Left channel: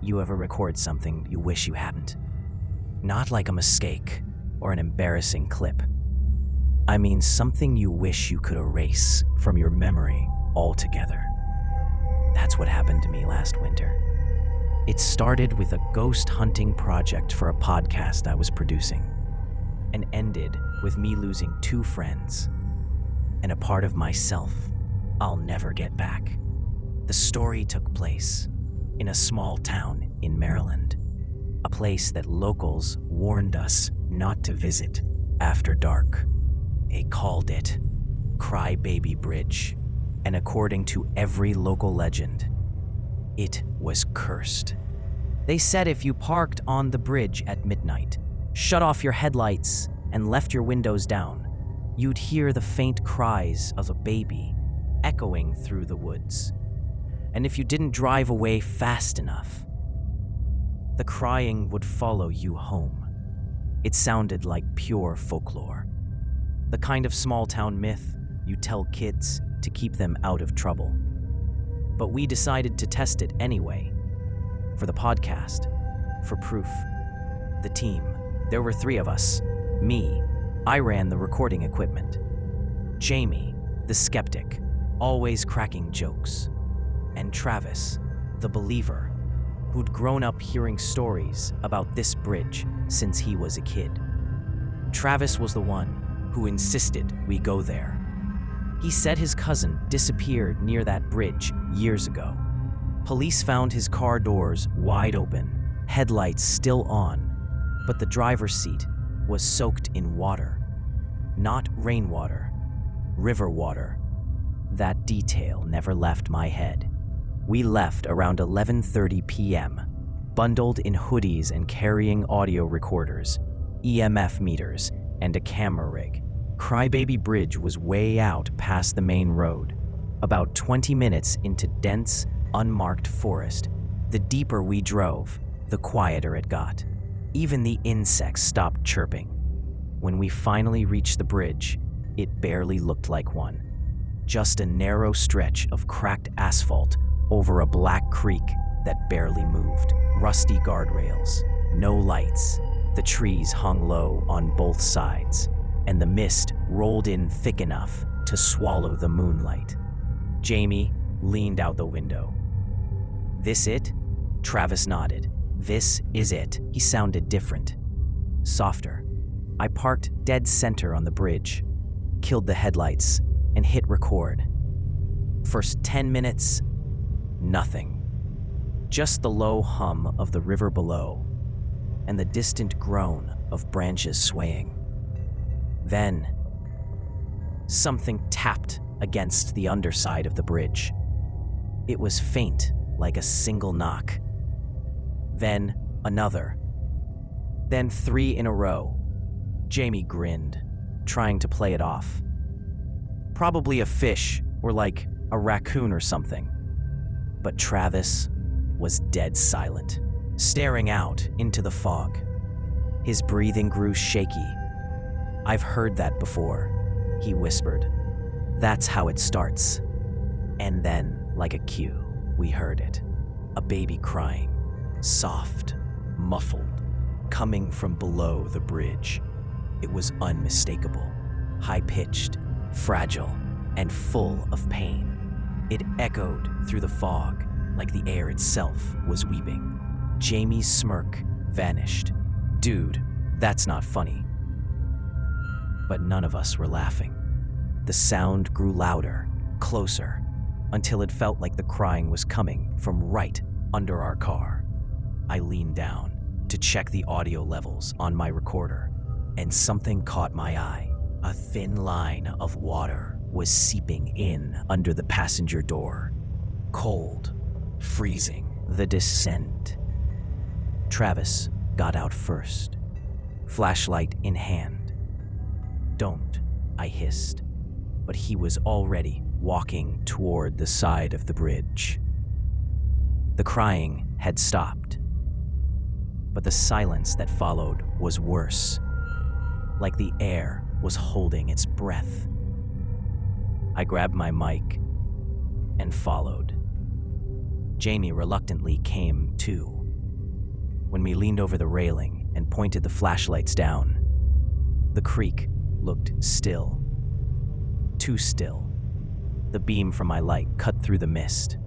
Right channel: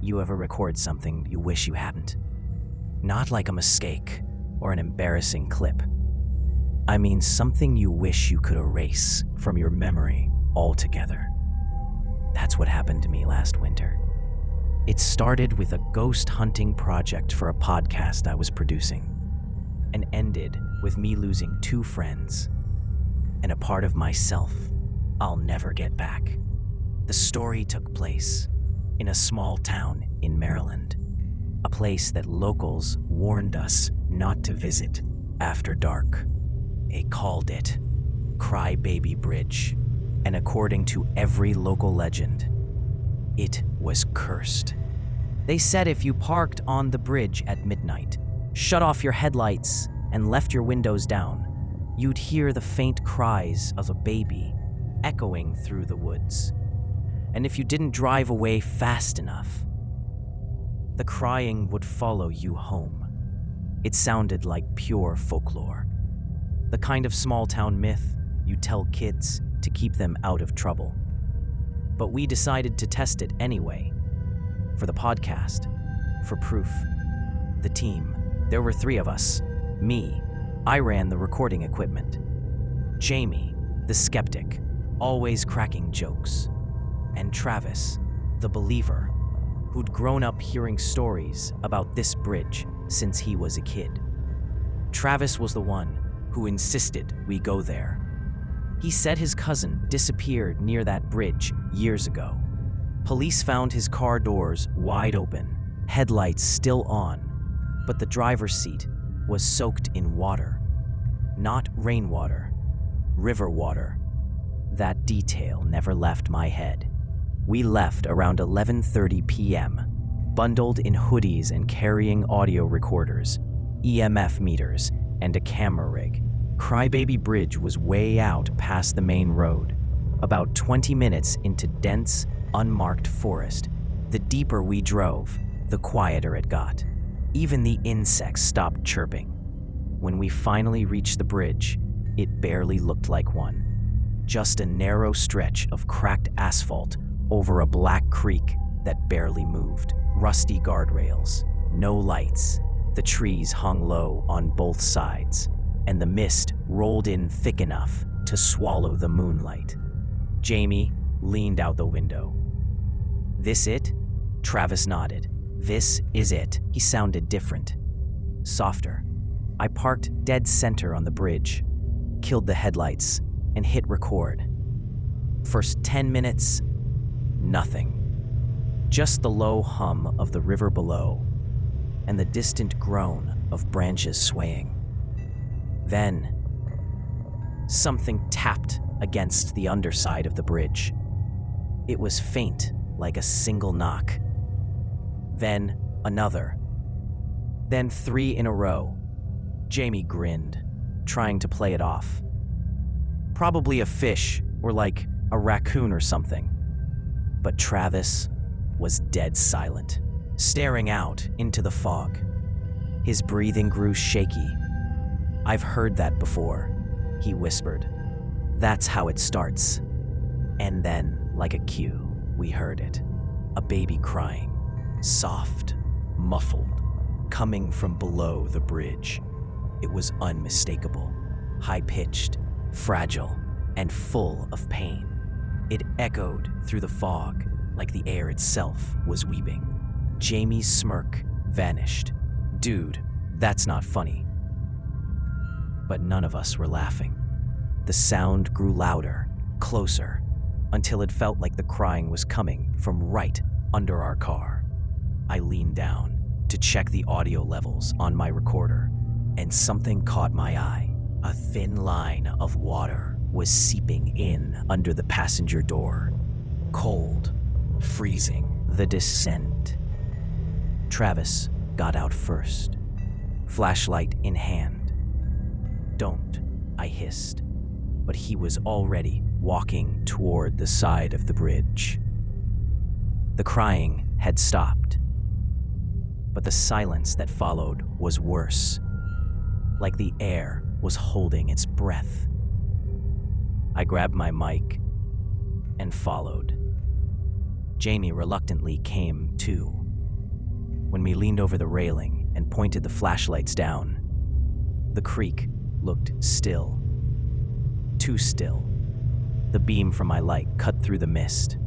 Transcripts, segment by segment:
You ever record something you wish you hadn't? Not like a mistake or an embarrassing clip. I mean something you wish you could erase from your memory altogether. That's what happened to me last winter. It started with a ghost hunting project for a podcast I was producing, and ended with me losing 2 friends and a part of myself I'll never get back. The story took place in a small town in Maryland, a place that locals warned us not to visit after dark. They called it Crybaby Bridge, and according to every local legend, it was cursed. They said if you parked on the bridge at midnight, shut off your headlights, and left your windows down, you'd hear the faint cries of a baby echoing through the woods. And if you didn't drive away fast enough, the crying would follow you home. It sounded like pure folklore, the kind of small-town myth you tell kids to keep them out of trouble. But we decided to test it anyway, for the podcast, for proof. The team, there were 3 of us. Me, I ran the recording equipment. Jamie, the skeptic, always cracking jokes. And Travis, the believer, who'd grown up hearing stories about this bridge since he was a kid. Travis was the one who insisted we go there. He said his cousin disappeared near that bridge years ago. Police found his car doors wide open, headlights still on, but the driver's seat was soaked in water. Not rainwater, river water. That detail never left my head. We left around 11:30 p.m., bundled in hoodies and carrying audio recorders, EMF meters, and a camera rig. Crybaby Bridge was way out past the main road, about 20 minutes into dense, unmarked forest. The deeper we drove, the quieter it got. Even the insects stopped chirping. When we finally reached the bridge, it barely looked like one. Just a narrow stretch of cracked asphalt over a black creek that barely moved. Rusty guardrails, no lights. The trees hung low on both sides, and the mist rolled in thick enough to swallow the moonlight. Jamie leaned out the window. "This it?" Travis nodded. "This is it." He sounded different, softer. I parked dead center on the bridge, killed the headlights, and hit record. First 10 minutes, nothing. Just the low hum of the river below and the distant groan of branches swaying. Then, something tapped against the underside of the bridge. It was faint, like a single knock. Then another. Then 3 in a row. Jamie grinned, trying to play it off. Probably a fish or like a raccoon or something. But Travis was dead silent, staring out into the fog. His breathing grew shaky. "I've heard that before," he whispered. "That's how it starts." And then, like a cue, we heard it. A baby crying, soft, muffled, coming from below the bridge. It was unmistakable, high-pitched, fragile, and full of pain. It echoed through the fog like the air itself was weeping. Jamie's smirk vanished. "Dude, that's not funny." But none of us were laughing. The sound grew louder, closer, until it felt like the crying was coming from right under our car. I leaned down to check the audio levels on my recorder, and something caught my eye. A thin line of water was seeping in under the passenger door. Cold, freezing. The descent. Travis got out first, flashlight in hand. "Don't," I hissed, but he was already walking toward the side of the bridge. The crying had stopped, but the silence that followed was worse, like the air was holding its breath. I grabbed my mic and followed. Jamie reluctantly came too, when we leaned over the railing and pointed the flashlights down. The creek looked still. Too still. The beam from my light cut through the mist.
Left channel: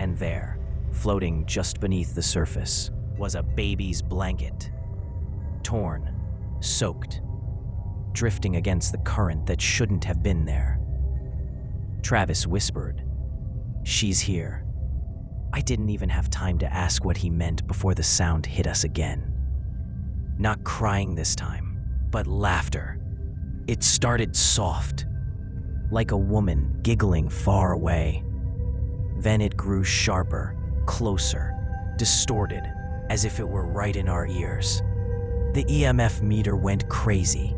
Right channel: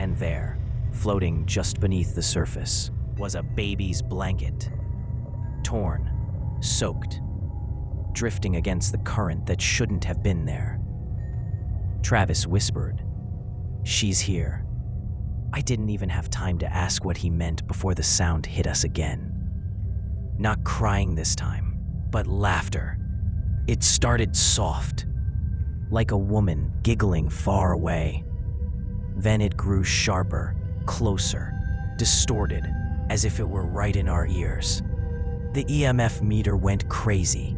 And there, floating just beneath the surface, was a baby's blanket. Torn, soaked, drifting against the current that shouldn't have been there. Travis whispered, "She's here." I didn't even have time to ask what he meant before the sound hit us again. Not crying this time, but laughter. It started soft, like a woman giggling far away. Then it grew sharper, closer, distorted, as if it were right in our ears. The EMF meter went crazy.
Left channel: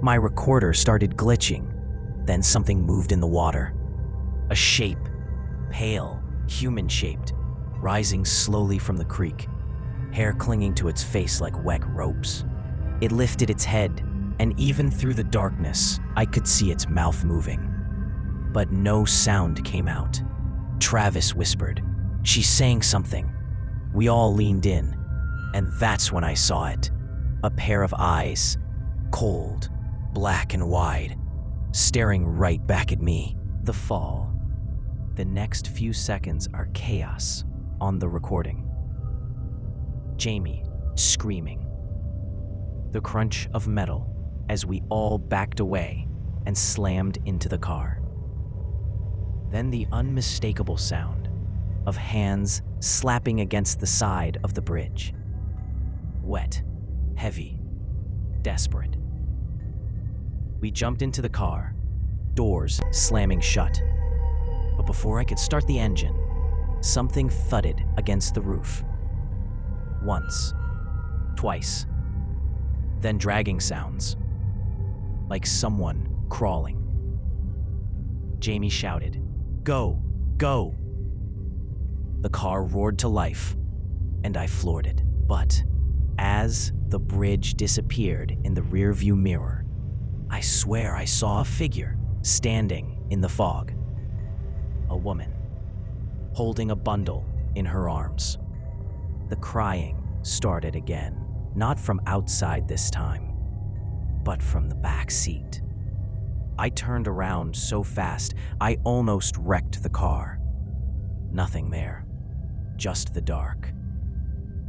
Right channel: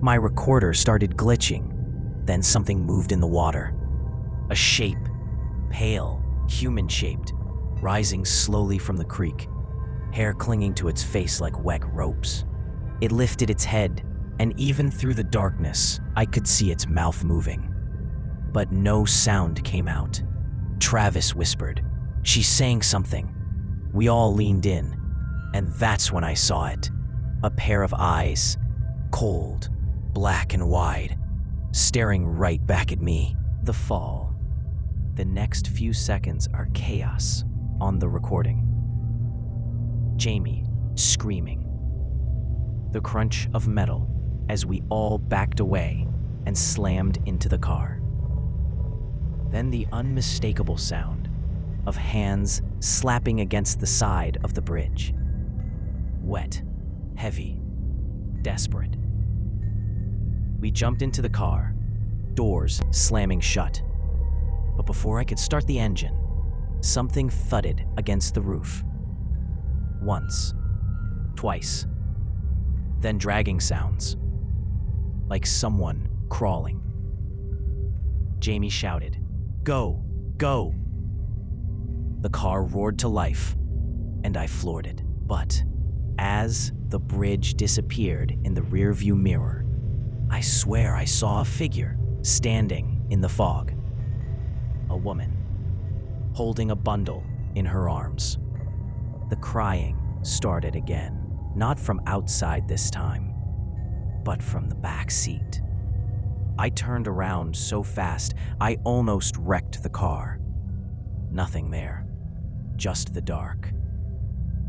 My recorder started glitching. Then something moved in the water. A shape, pale, human-shaped, rising slowly from the creek, hair clinging to its face like wet ropes. It lifted its head, and even through the darkness, I could see its mouth moving. But no sound came out. Travis whispered, "She's saying something." We all leaned in, and that's when I saw it. A pair of eyes, cold, black and wide, staring right back at me. The fall. The next few seconds are chaos on the recording. Jamie screaming. The crunch of metal as we all backed away and slammed into the car. Then the unmistakable sound of hands slapping against the side of the bridge. Wet, heavy, desperate. We jumped into the car, doors slamming shut. But before I could start the engine, something thudded against the roof. Once, twice, then dragging sounds, like someone crawling. Jamie shouted, "Go, go!" The car roared to life, and I floored it. But as the bridge disappeared in the rearview mirror, I swear I saw a figure standing in the fog. A woman, holding a bundle in her arms. The crying started again, not from outside this time, but from the back seat. I turned around so fast, I almost wrecked the car. Nothing there, just the dark.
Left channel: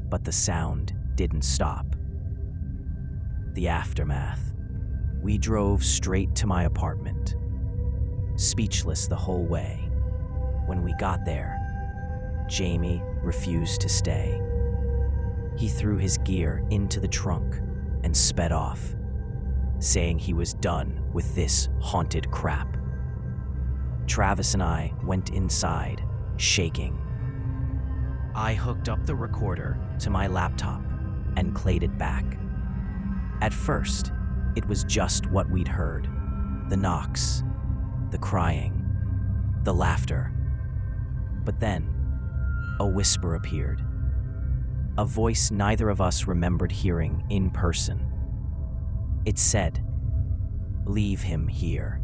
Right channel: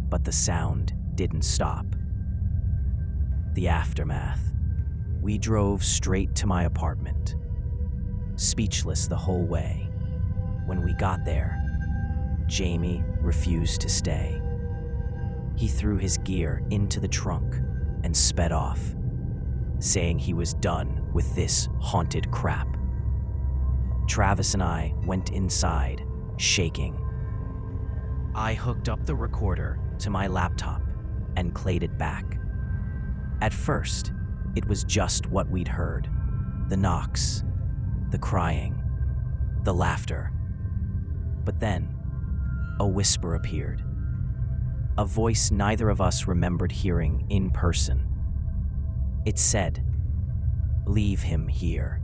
But the sound didn't stop. The aftermath. We drove straight to my apartment, speechless the whole way. When we got there, Jamie refused to stay. He threw his gear into the trunk and sped off, saying he was done with this haunted crap. Travis and I went inside, shaking. I hooked up the recorder to my laptop and played it back. At first, it was just what we'd heard. The knocks, the crying, the laughter. But then, a whisper appeared. A voice neither of us remembered hearing in person. It said, "Leave him here."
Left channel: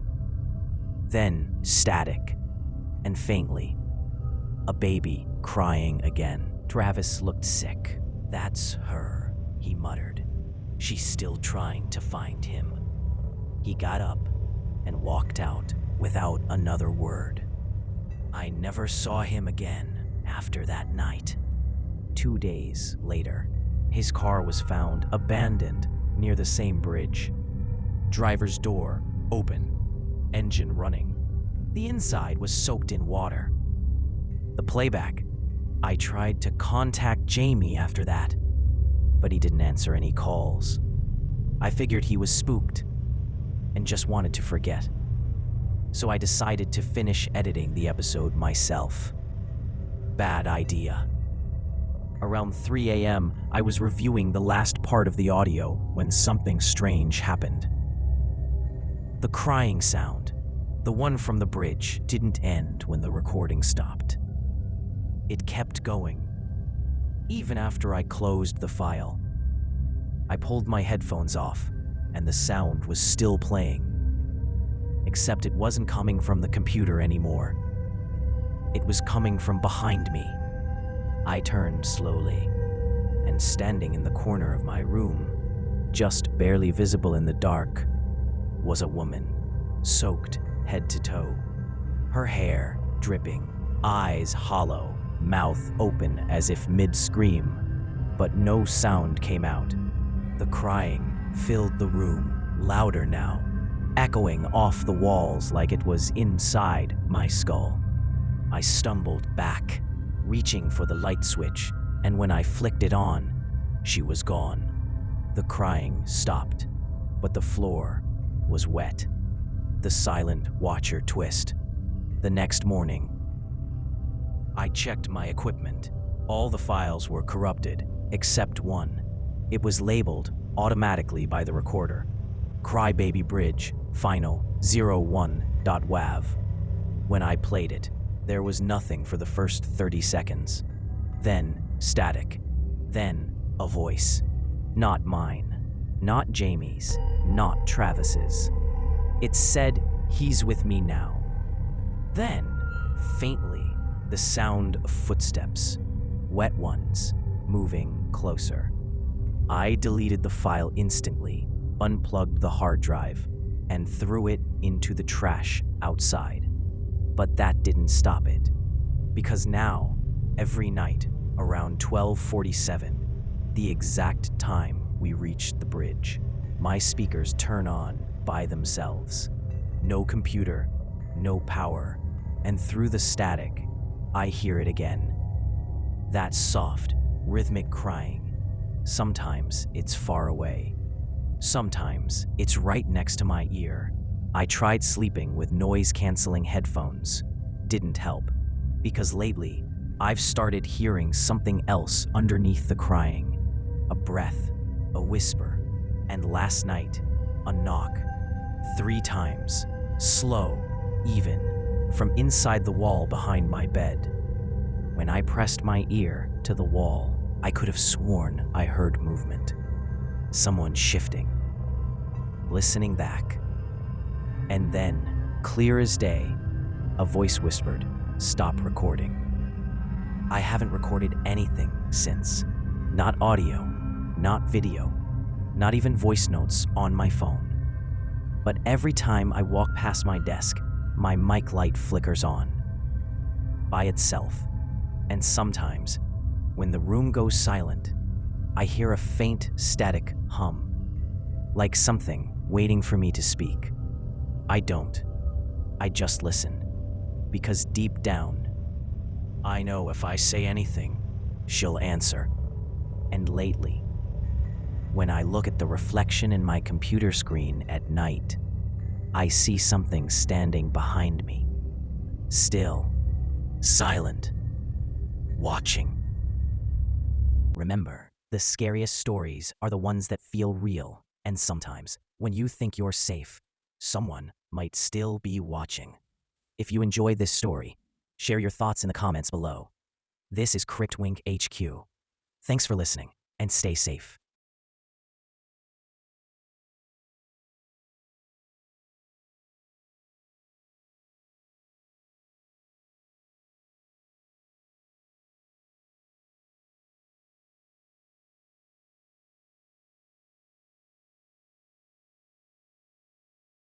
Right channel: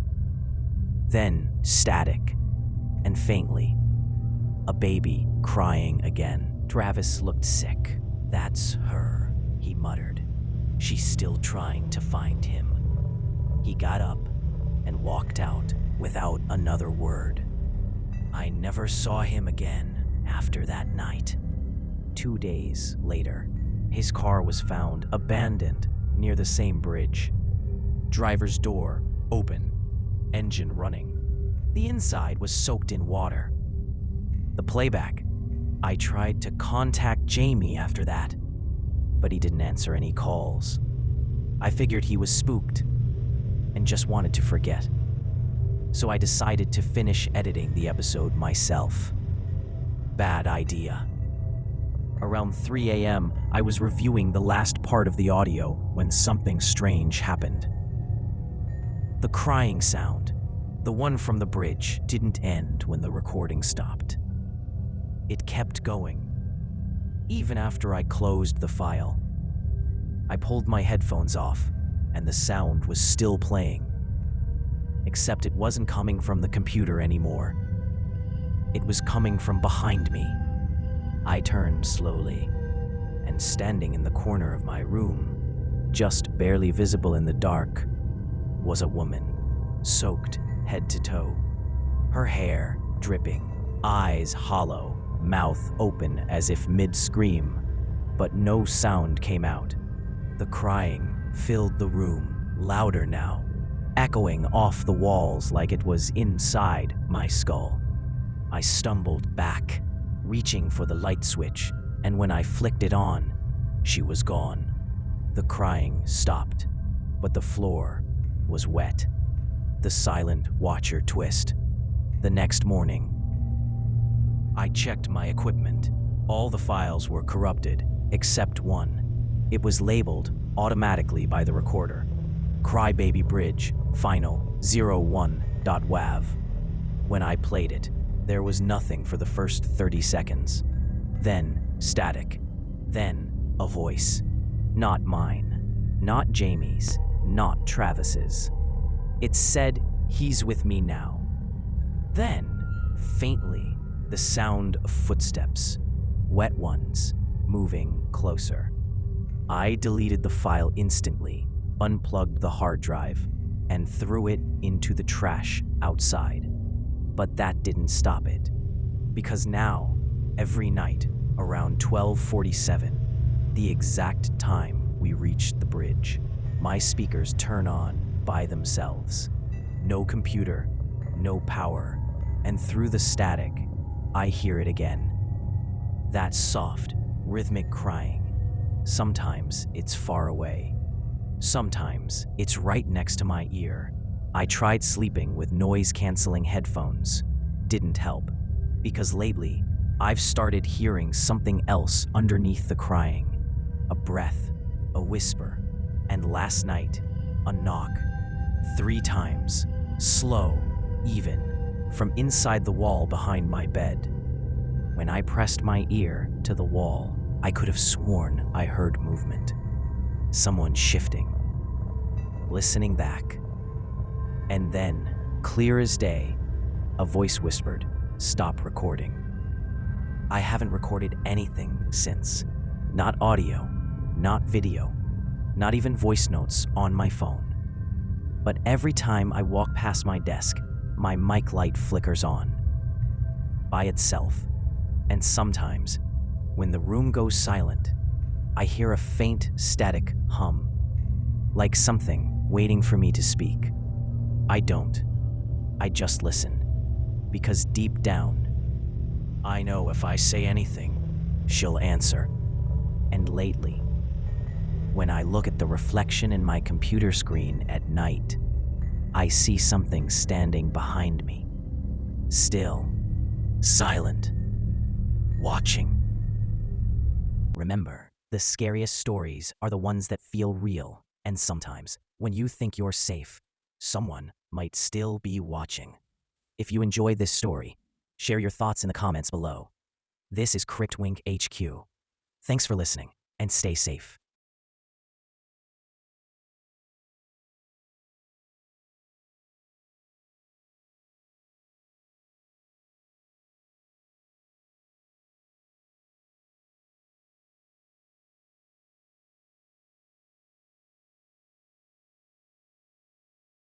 Then, static, and faintly, a baby crying again. Travis looked sick. "That's her," he muttered. "She's still trying to find him." He got up and walked out without another word. I never saw him again after that night. 2 days later, his car was found abandoned near the same bridge. Driver's door open, engine running. The inside was soaked in water. The playback. I tried to contact Jamie after that, but he didn't answer any calls. I figured he was spooked and just wanted to forget. So I decided to finish editing the episode myself. Bad idea. Around 3 a.m., I was reviewing the last part of the audio when something strange happened. The crying sound, the one from the bridge, didn't end when the recording stopped. It kept going, even after I closed the file. I pulled my headphones off, and the sound was still playing. Except it wasn't coming from the computer anymore. It was coming from behind me. I turned slowly, and standing in the corner of my room, just barely visible in the dark, was a woman, soaked head to toe. Her hair dripping, eyes hollow, mouth open as if mid-scream, but no sound came out. The crying filled the room, louder now, echoing off the walls like it was inside my skull. I stumbled back, reaching for the light switch, and when I flicked it on, she was gone. The crying stopped, but the floor was wet. The silent watcher twist. The next morning, I checked my equipment. All the files were corrupted, except one. It was labeled automatically by the recorder. Crybaby Bridge, Final 01.wav. When I played it, there was nothing for the first 30 seconds. Then static. Then a voice. Not mine. Not Jamie's. Not Travis's. It said, "He's with me now." Then, faintly, the sound of footsteps, wet ones, moving closer. I deleted the file instantly, unplugged the hard drive, and threw it into the trash outside. But that didn't stop it, because now, every night, around 12:47, the exact time we reached the bridge, my speakers turn on by themselves. No computer, no power, and through the static, I hear it again. That soft, rhythmic crying. Sometimes it's far away. Sometimes it's right next to my ear. I tried sleeping with noise-canceling headphones. Didn't help, because lately, I've started hearing something else underneath the crying. A breath, a whisper, and last night, a knock. 3 times, slow, even, from inside the wall behind my bed. When I pressed my ear to the wall, I could have sworn I heard movement. Someone shifting. Listening back. And then, clear as day, a voice whispered, "Stop recording." I haven't recorded anything since. Not audio, not video, not even voice notes on my phone. But every time I walk past my desk, my mic light flickers on. By itself. And sometimes, when the room goes silent, I hear a faint static hum. Like something waiting for me to speak. I don't. I just listen. Because deep down, I know if I say anything, she'll answer. And lately, when I look at the reflection in my computer screen at night, I see something standing behind me. Still, silent, watching. Remember, the scariest stories are the ones that feel real, and sometimes, when you think you're safe, someone might still be watching. If you enjoyed this story, share your thoughts in the comments below. This is Cryptwink HQ. Thanks for listening, and stay safe.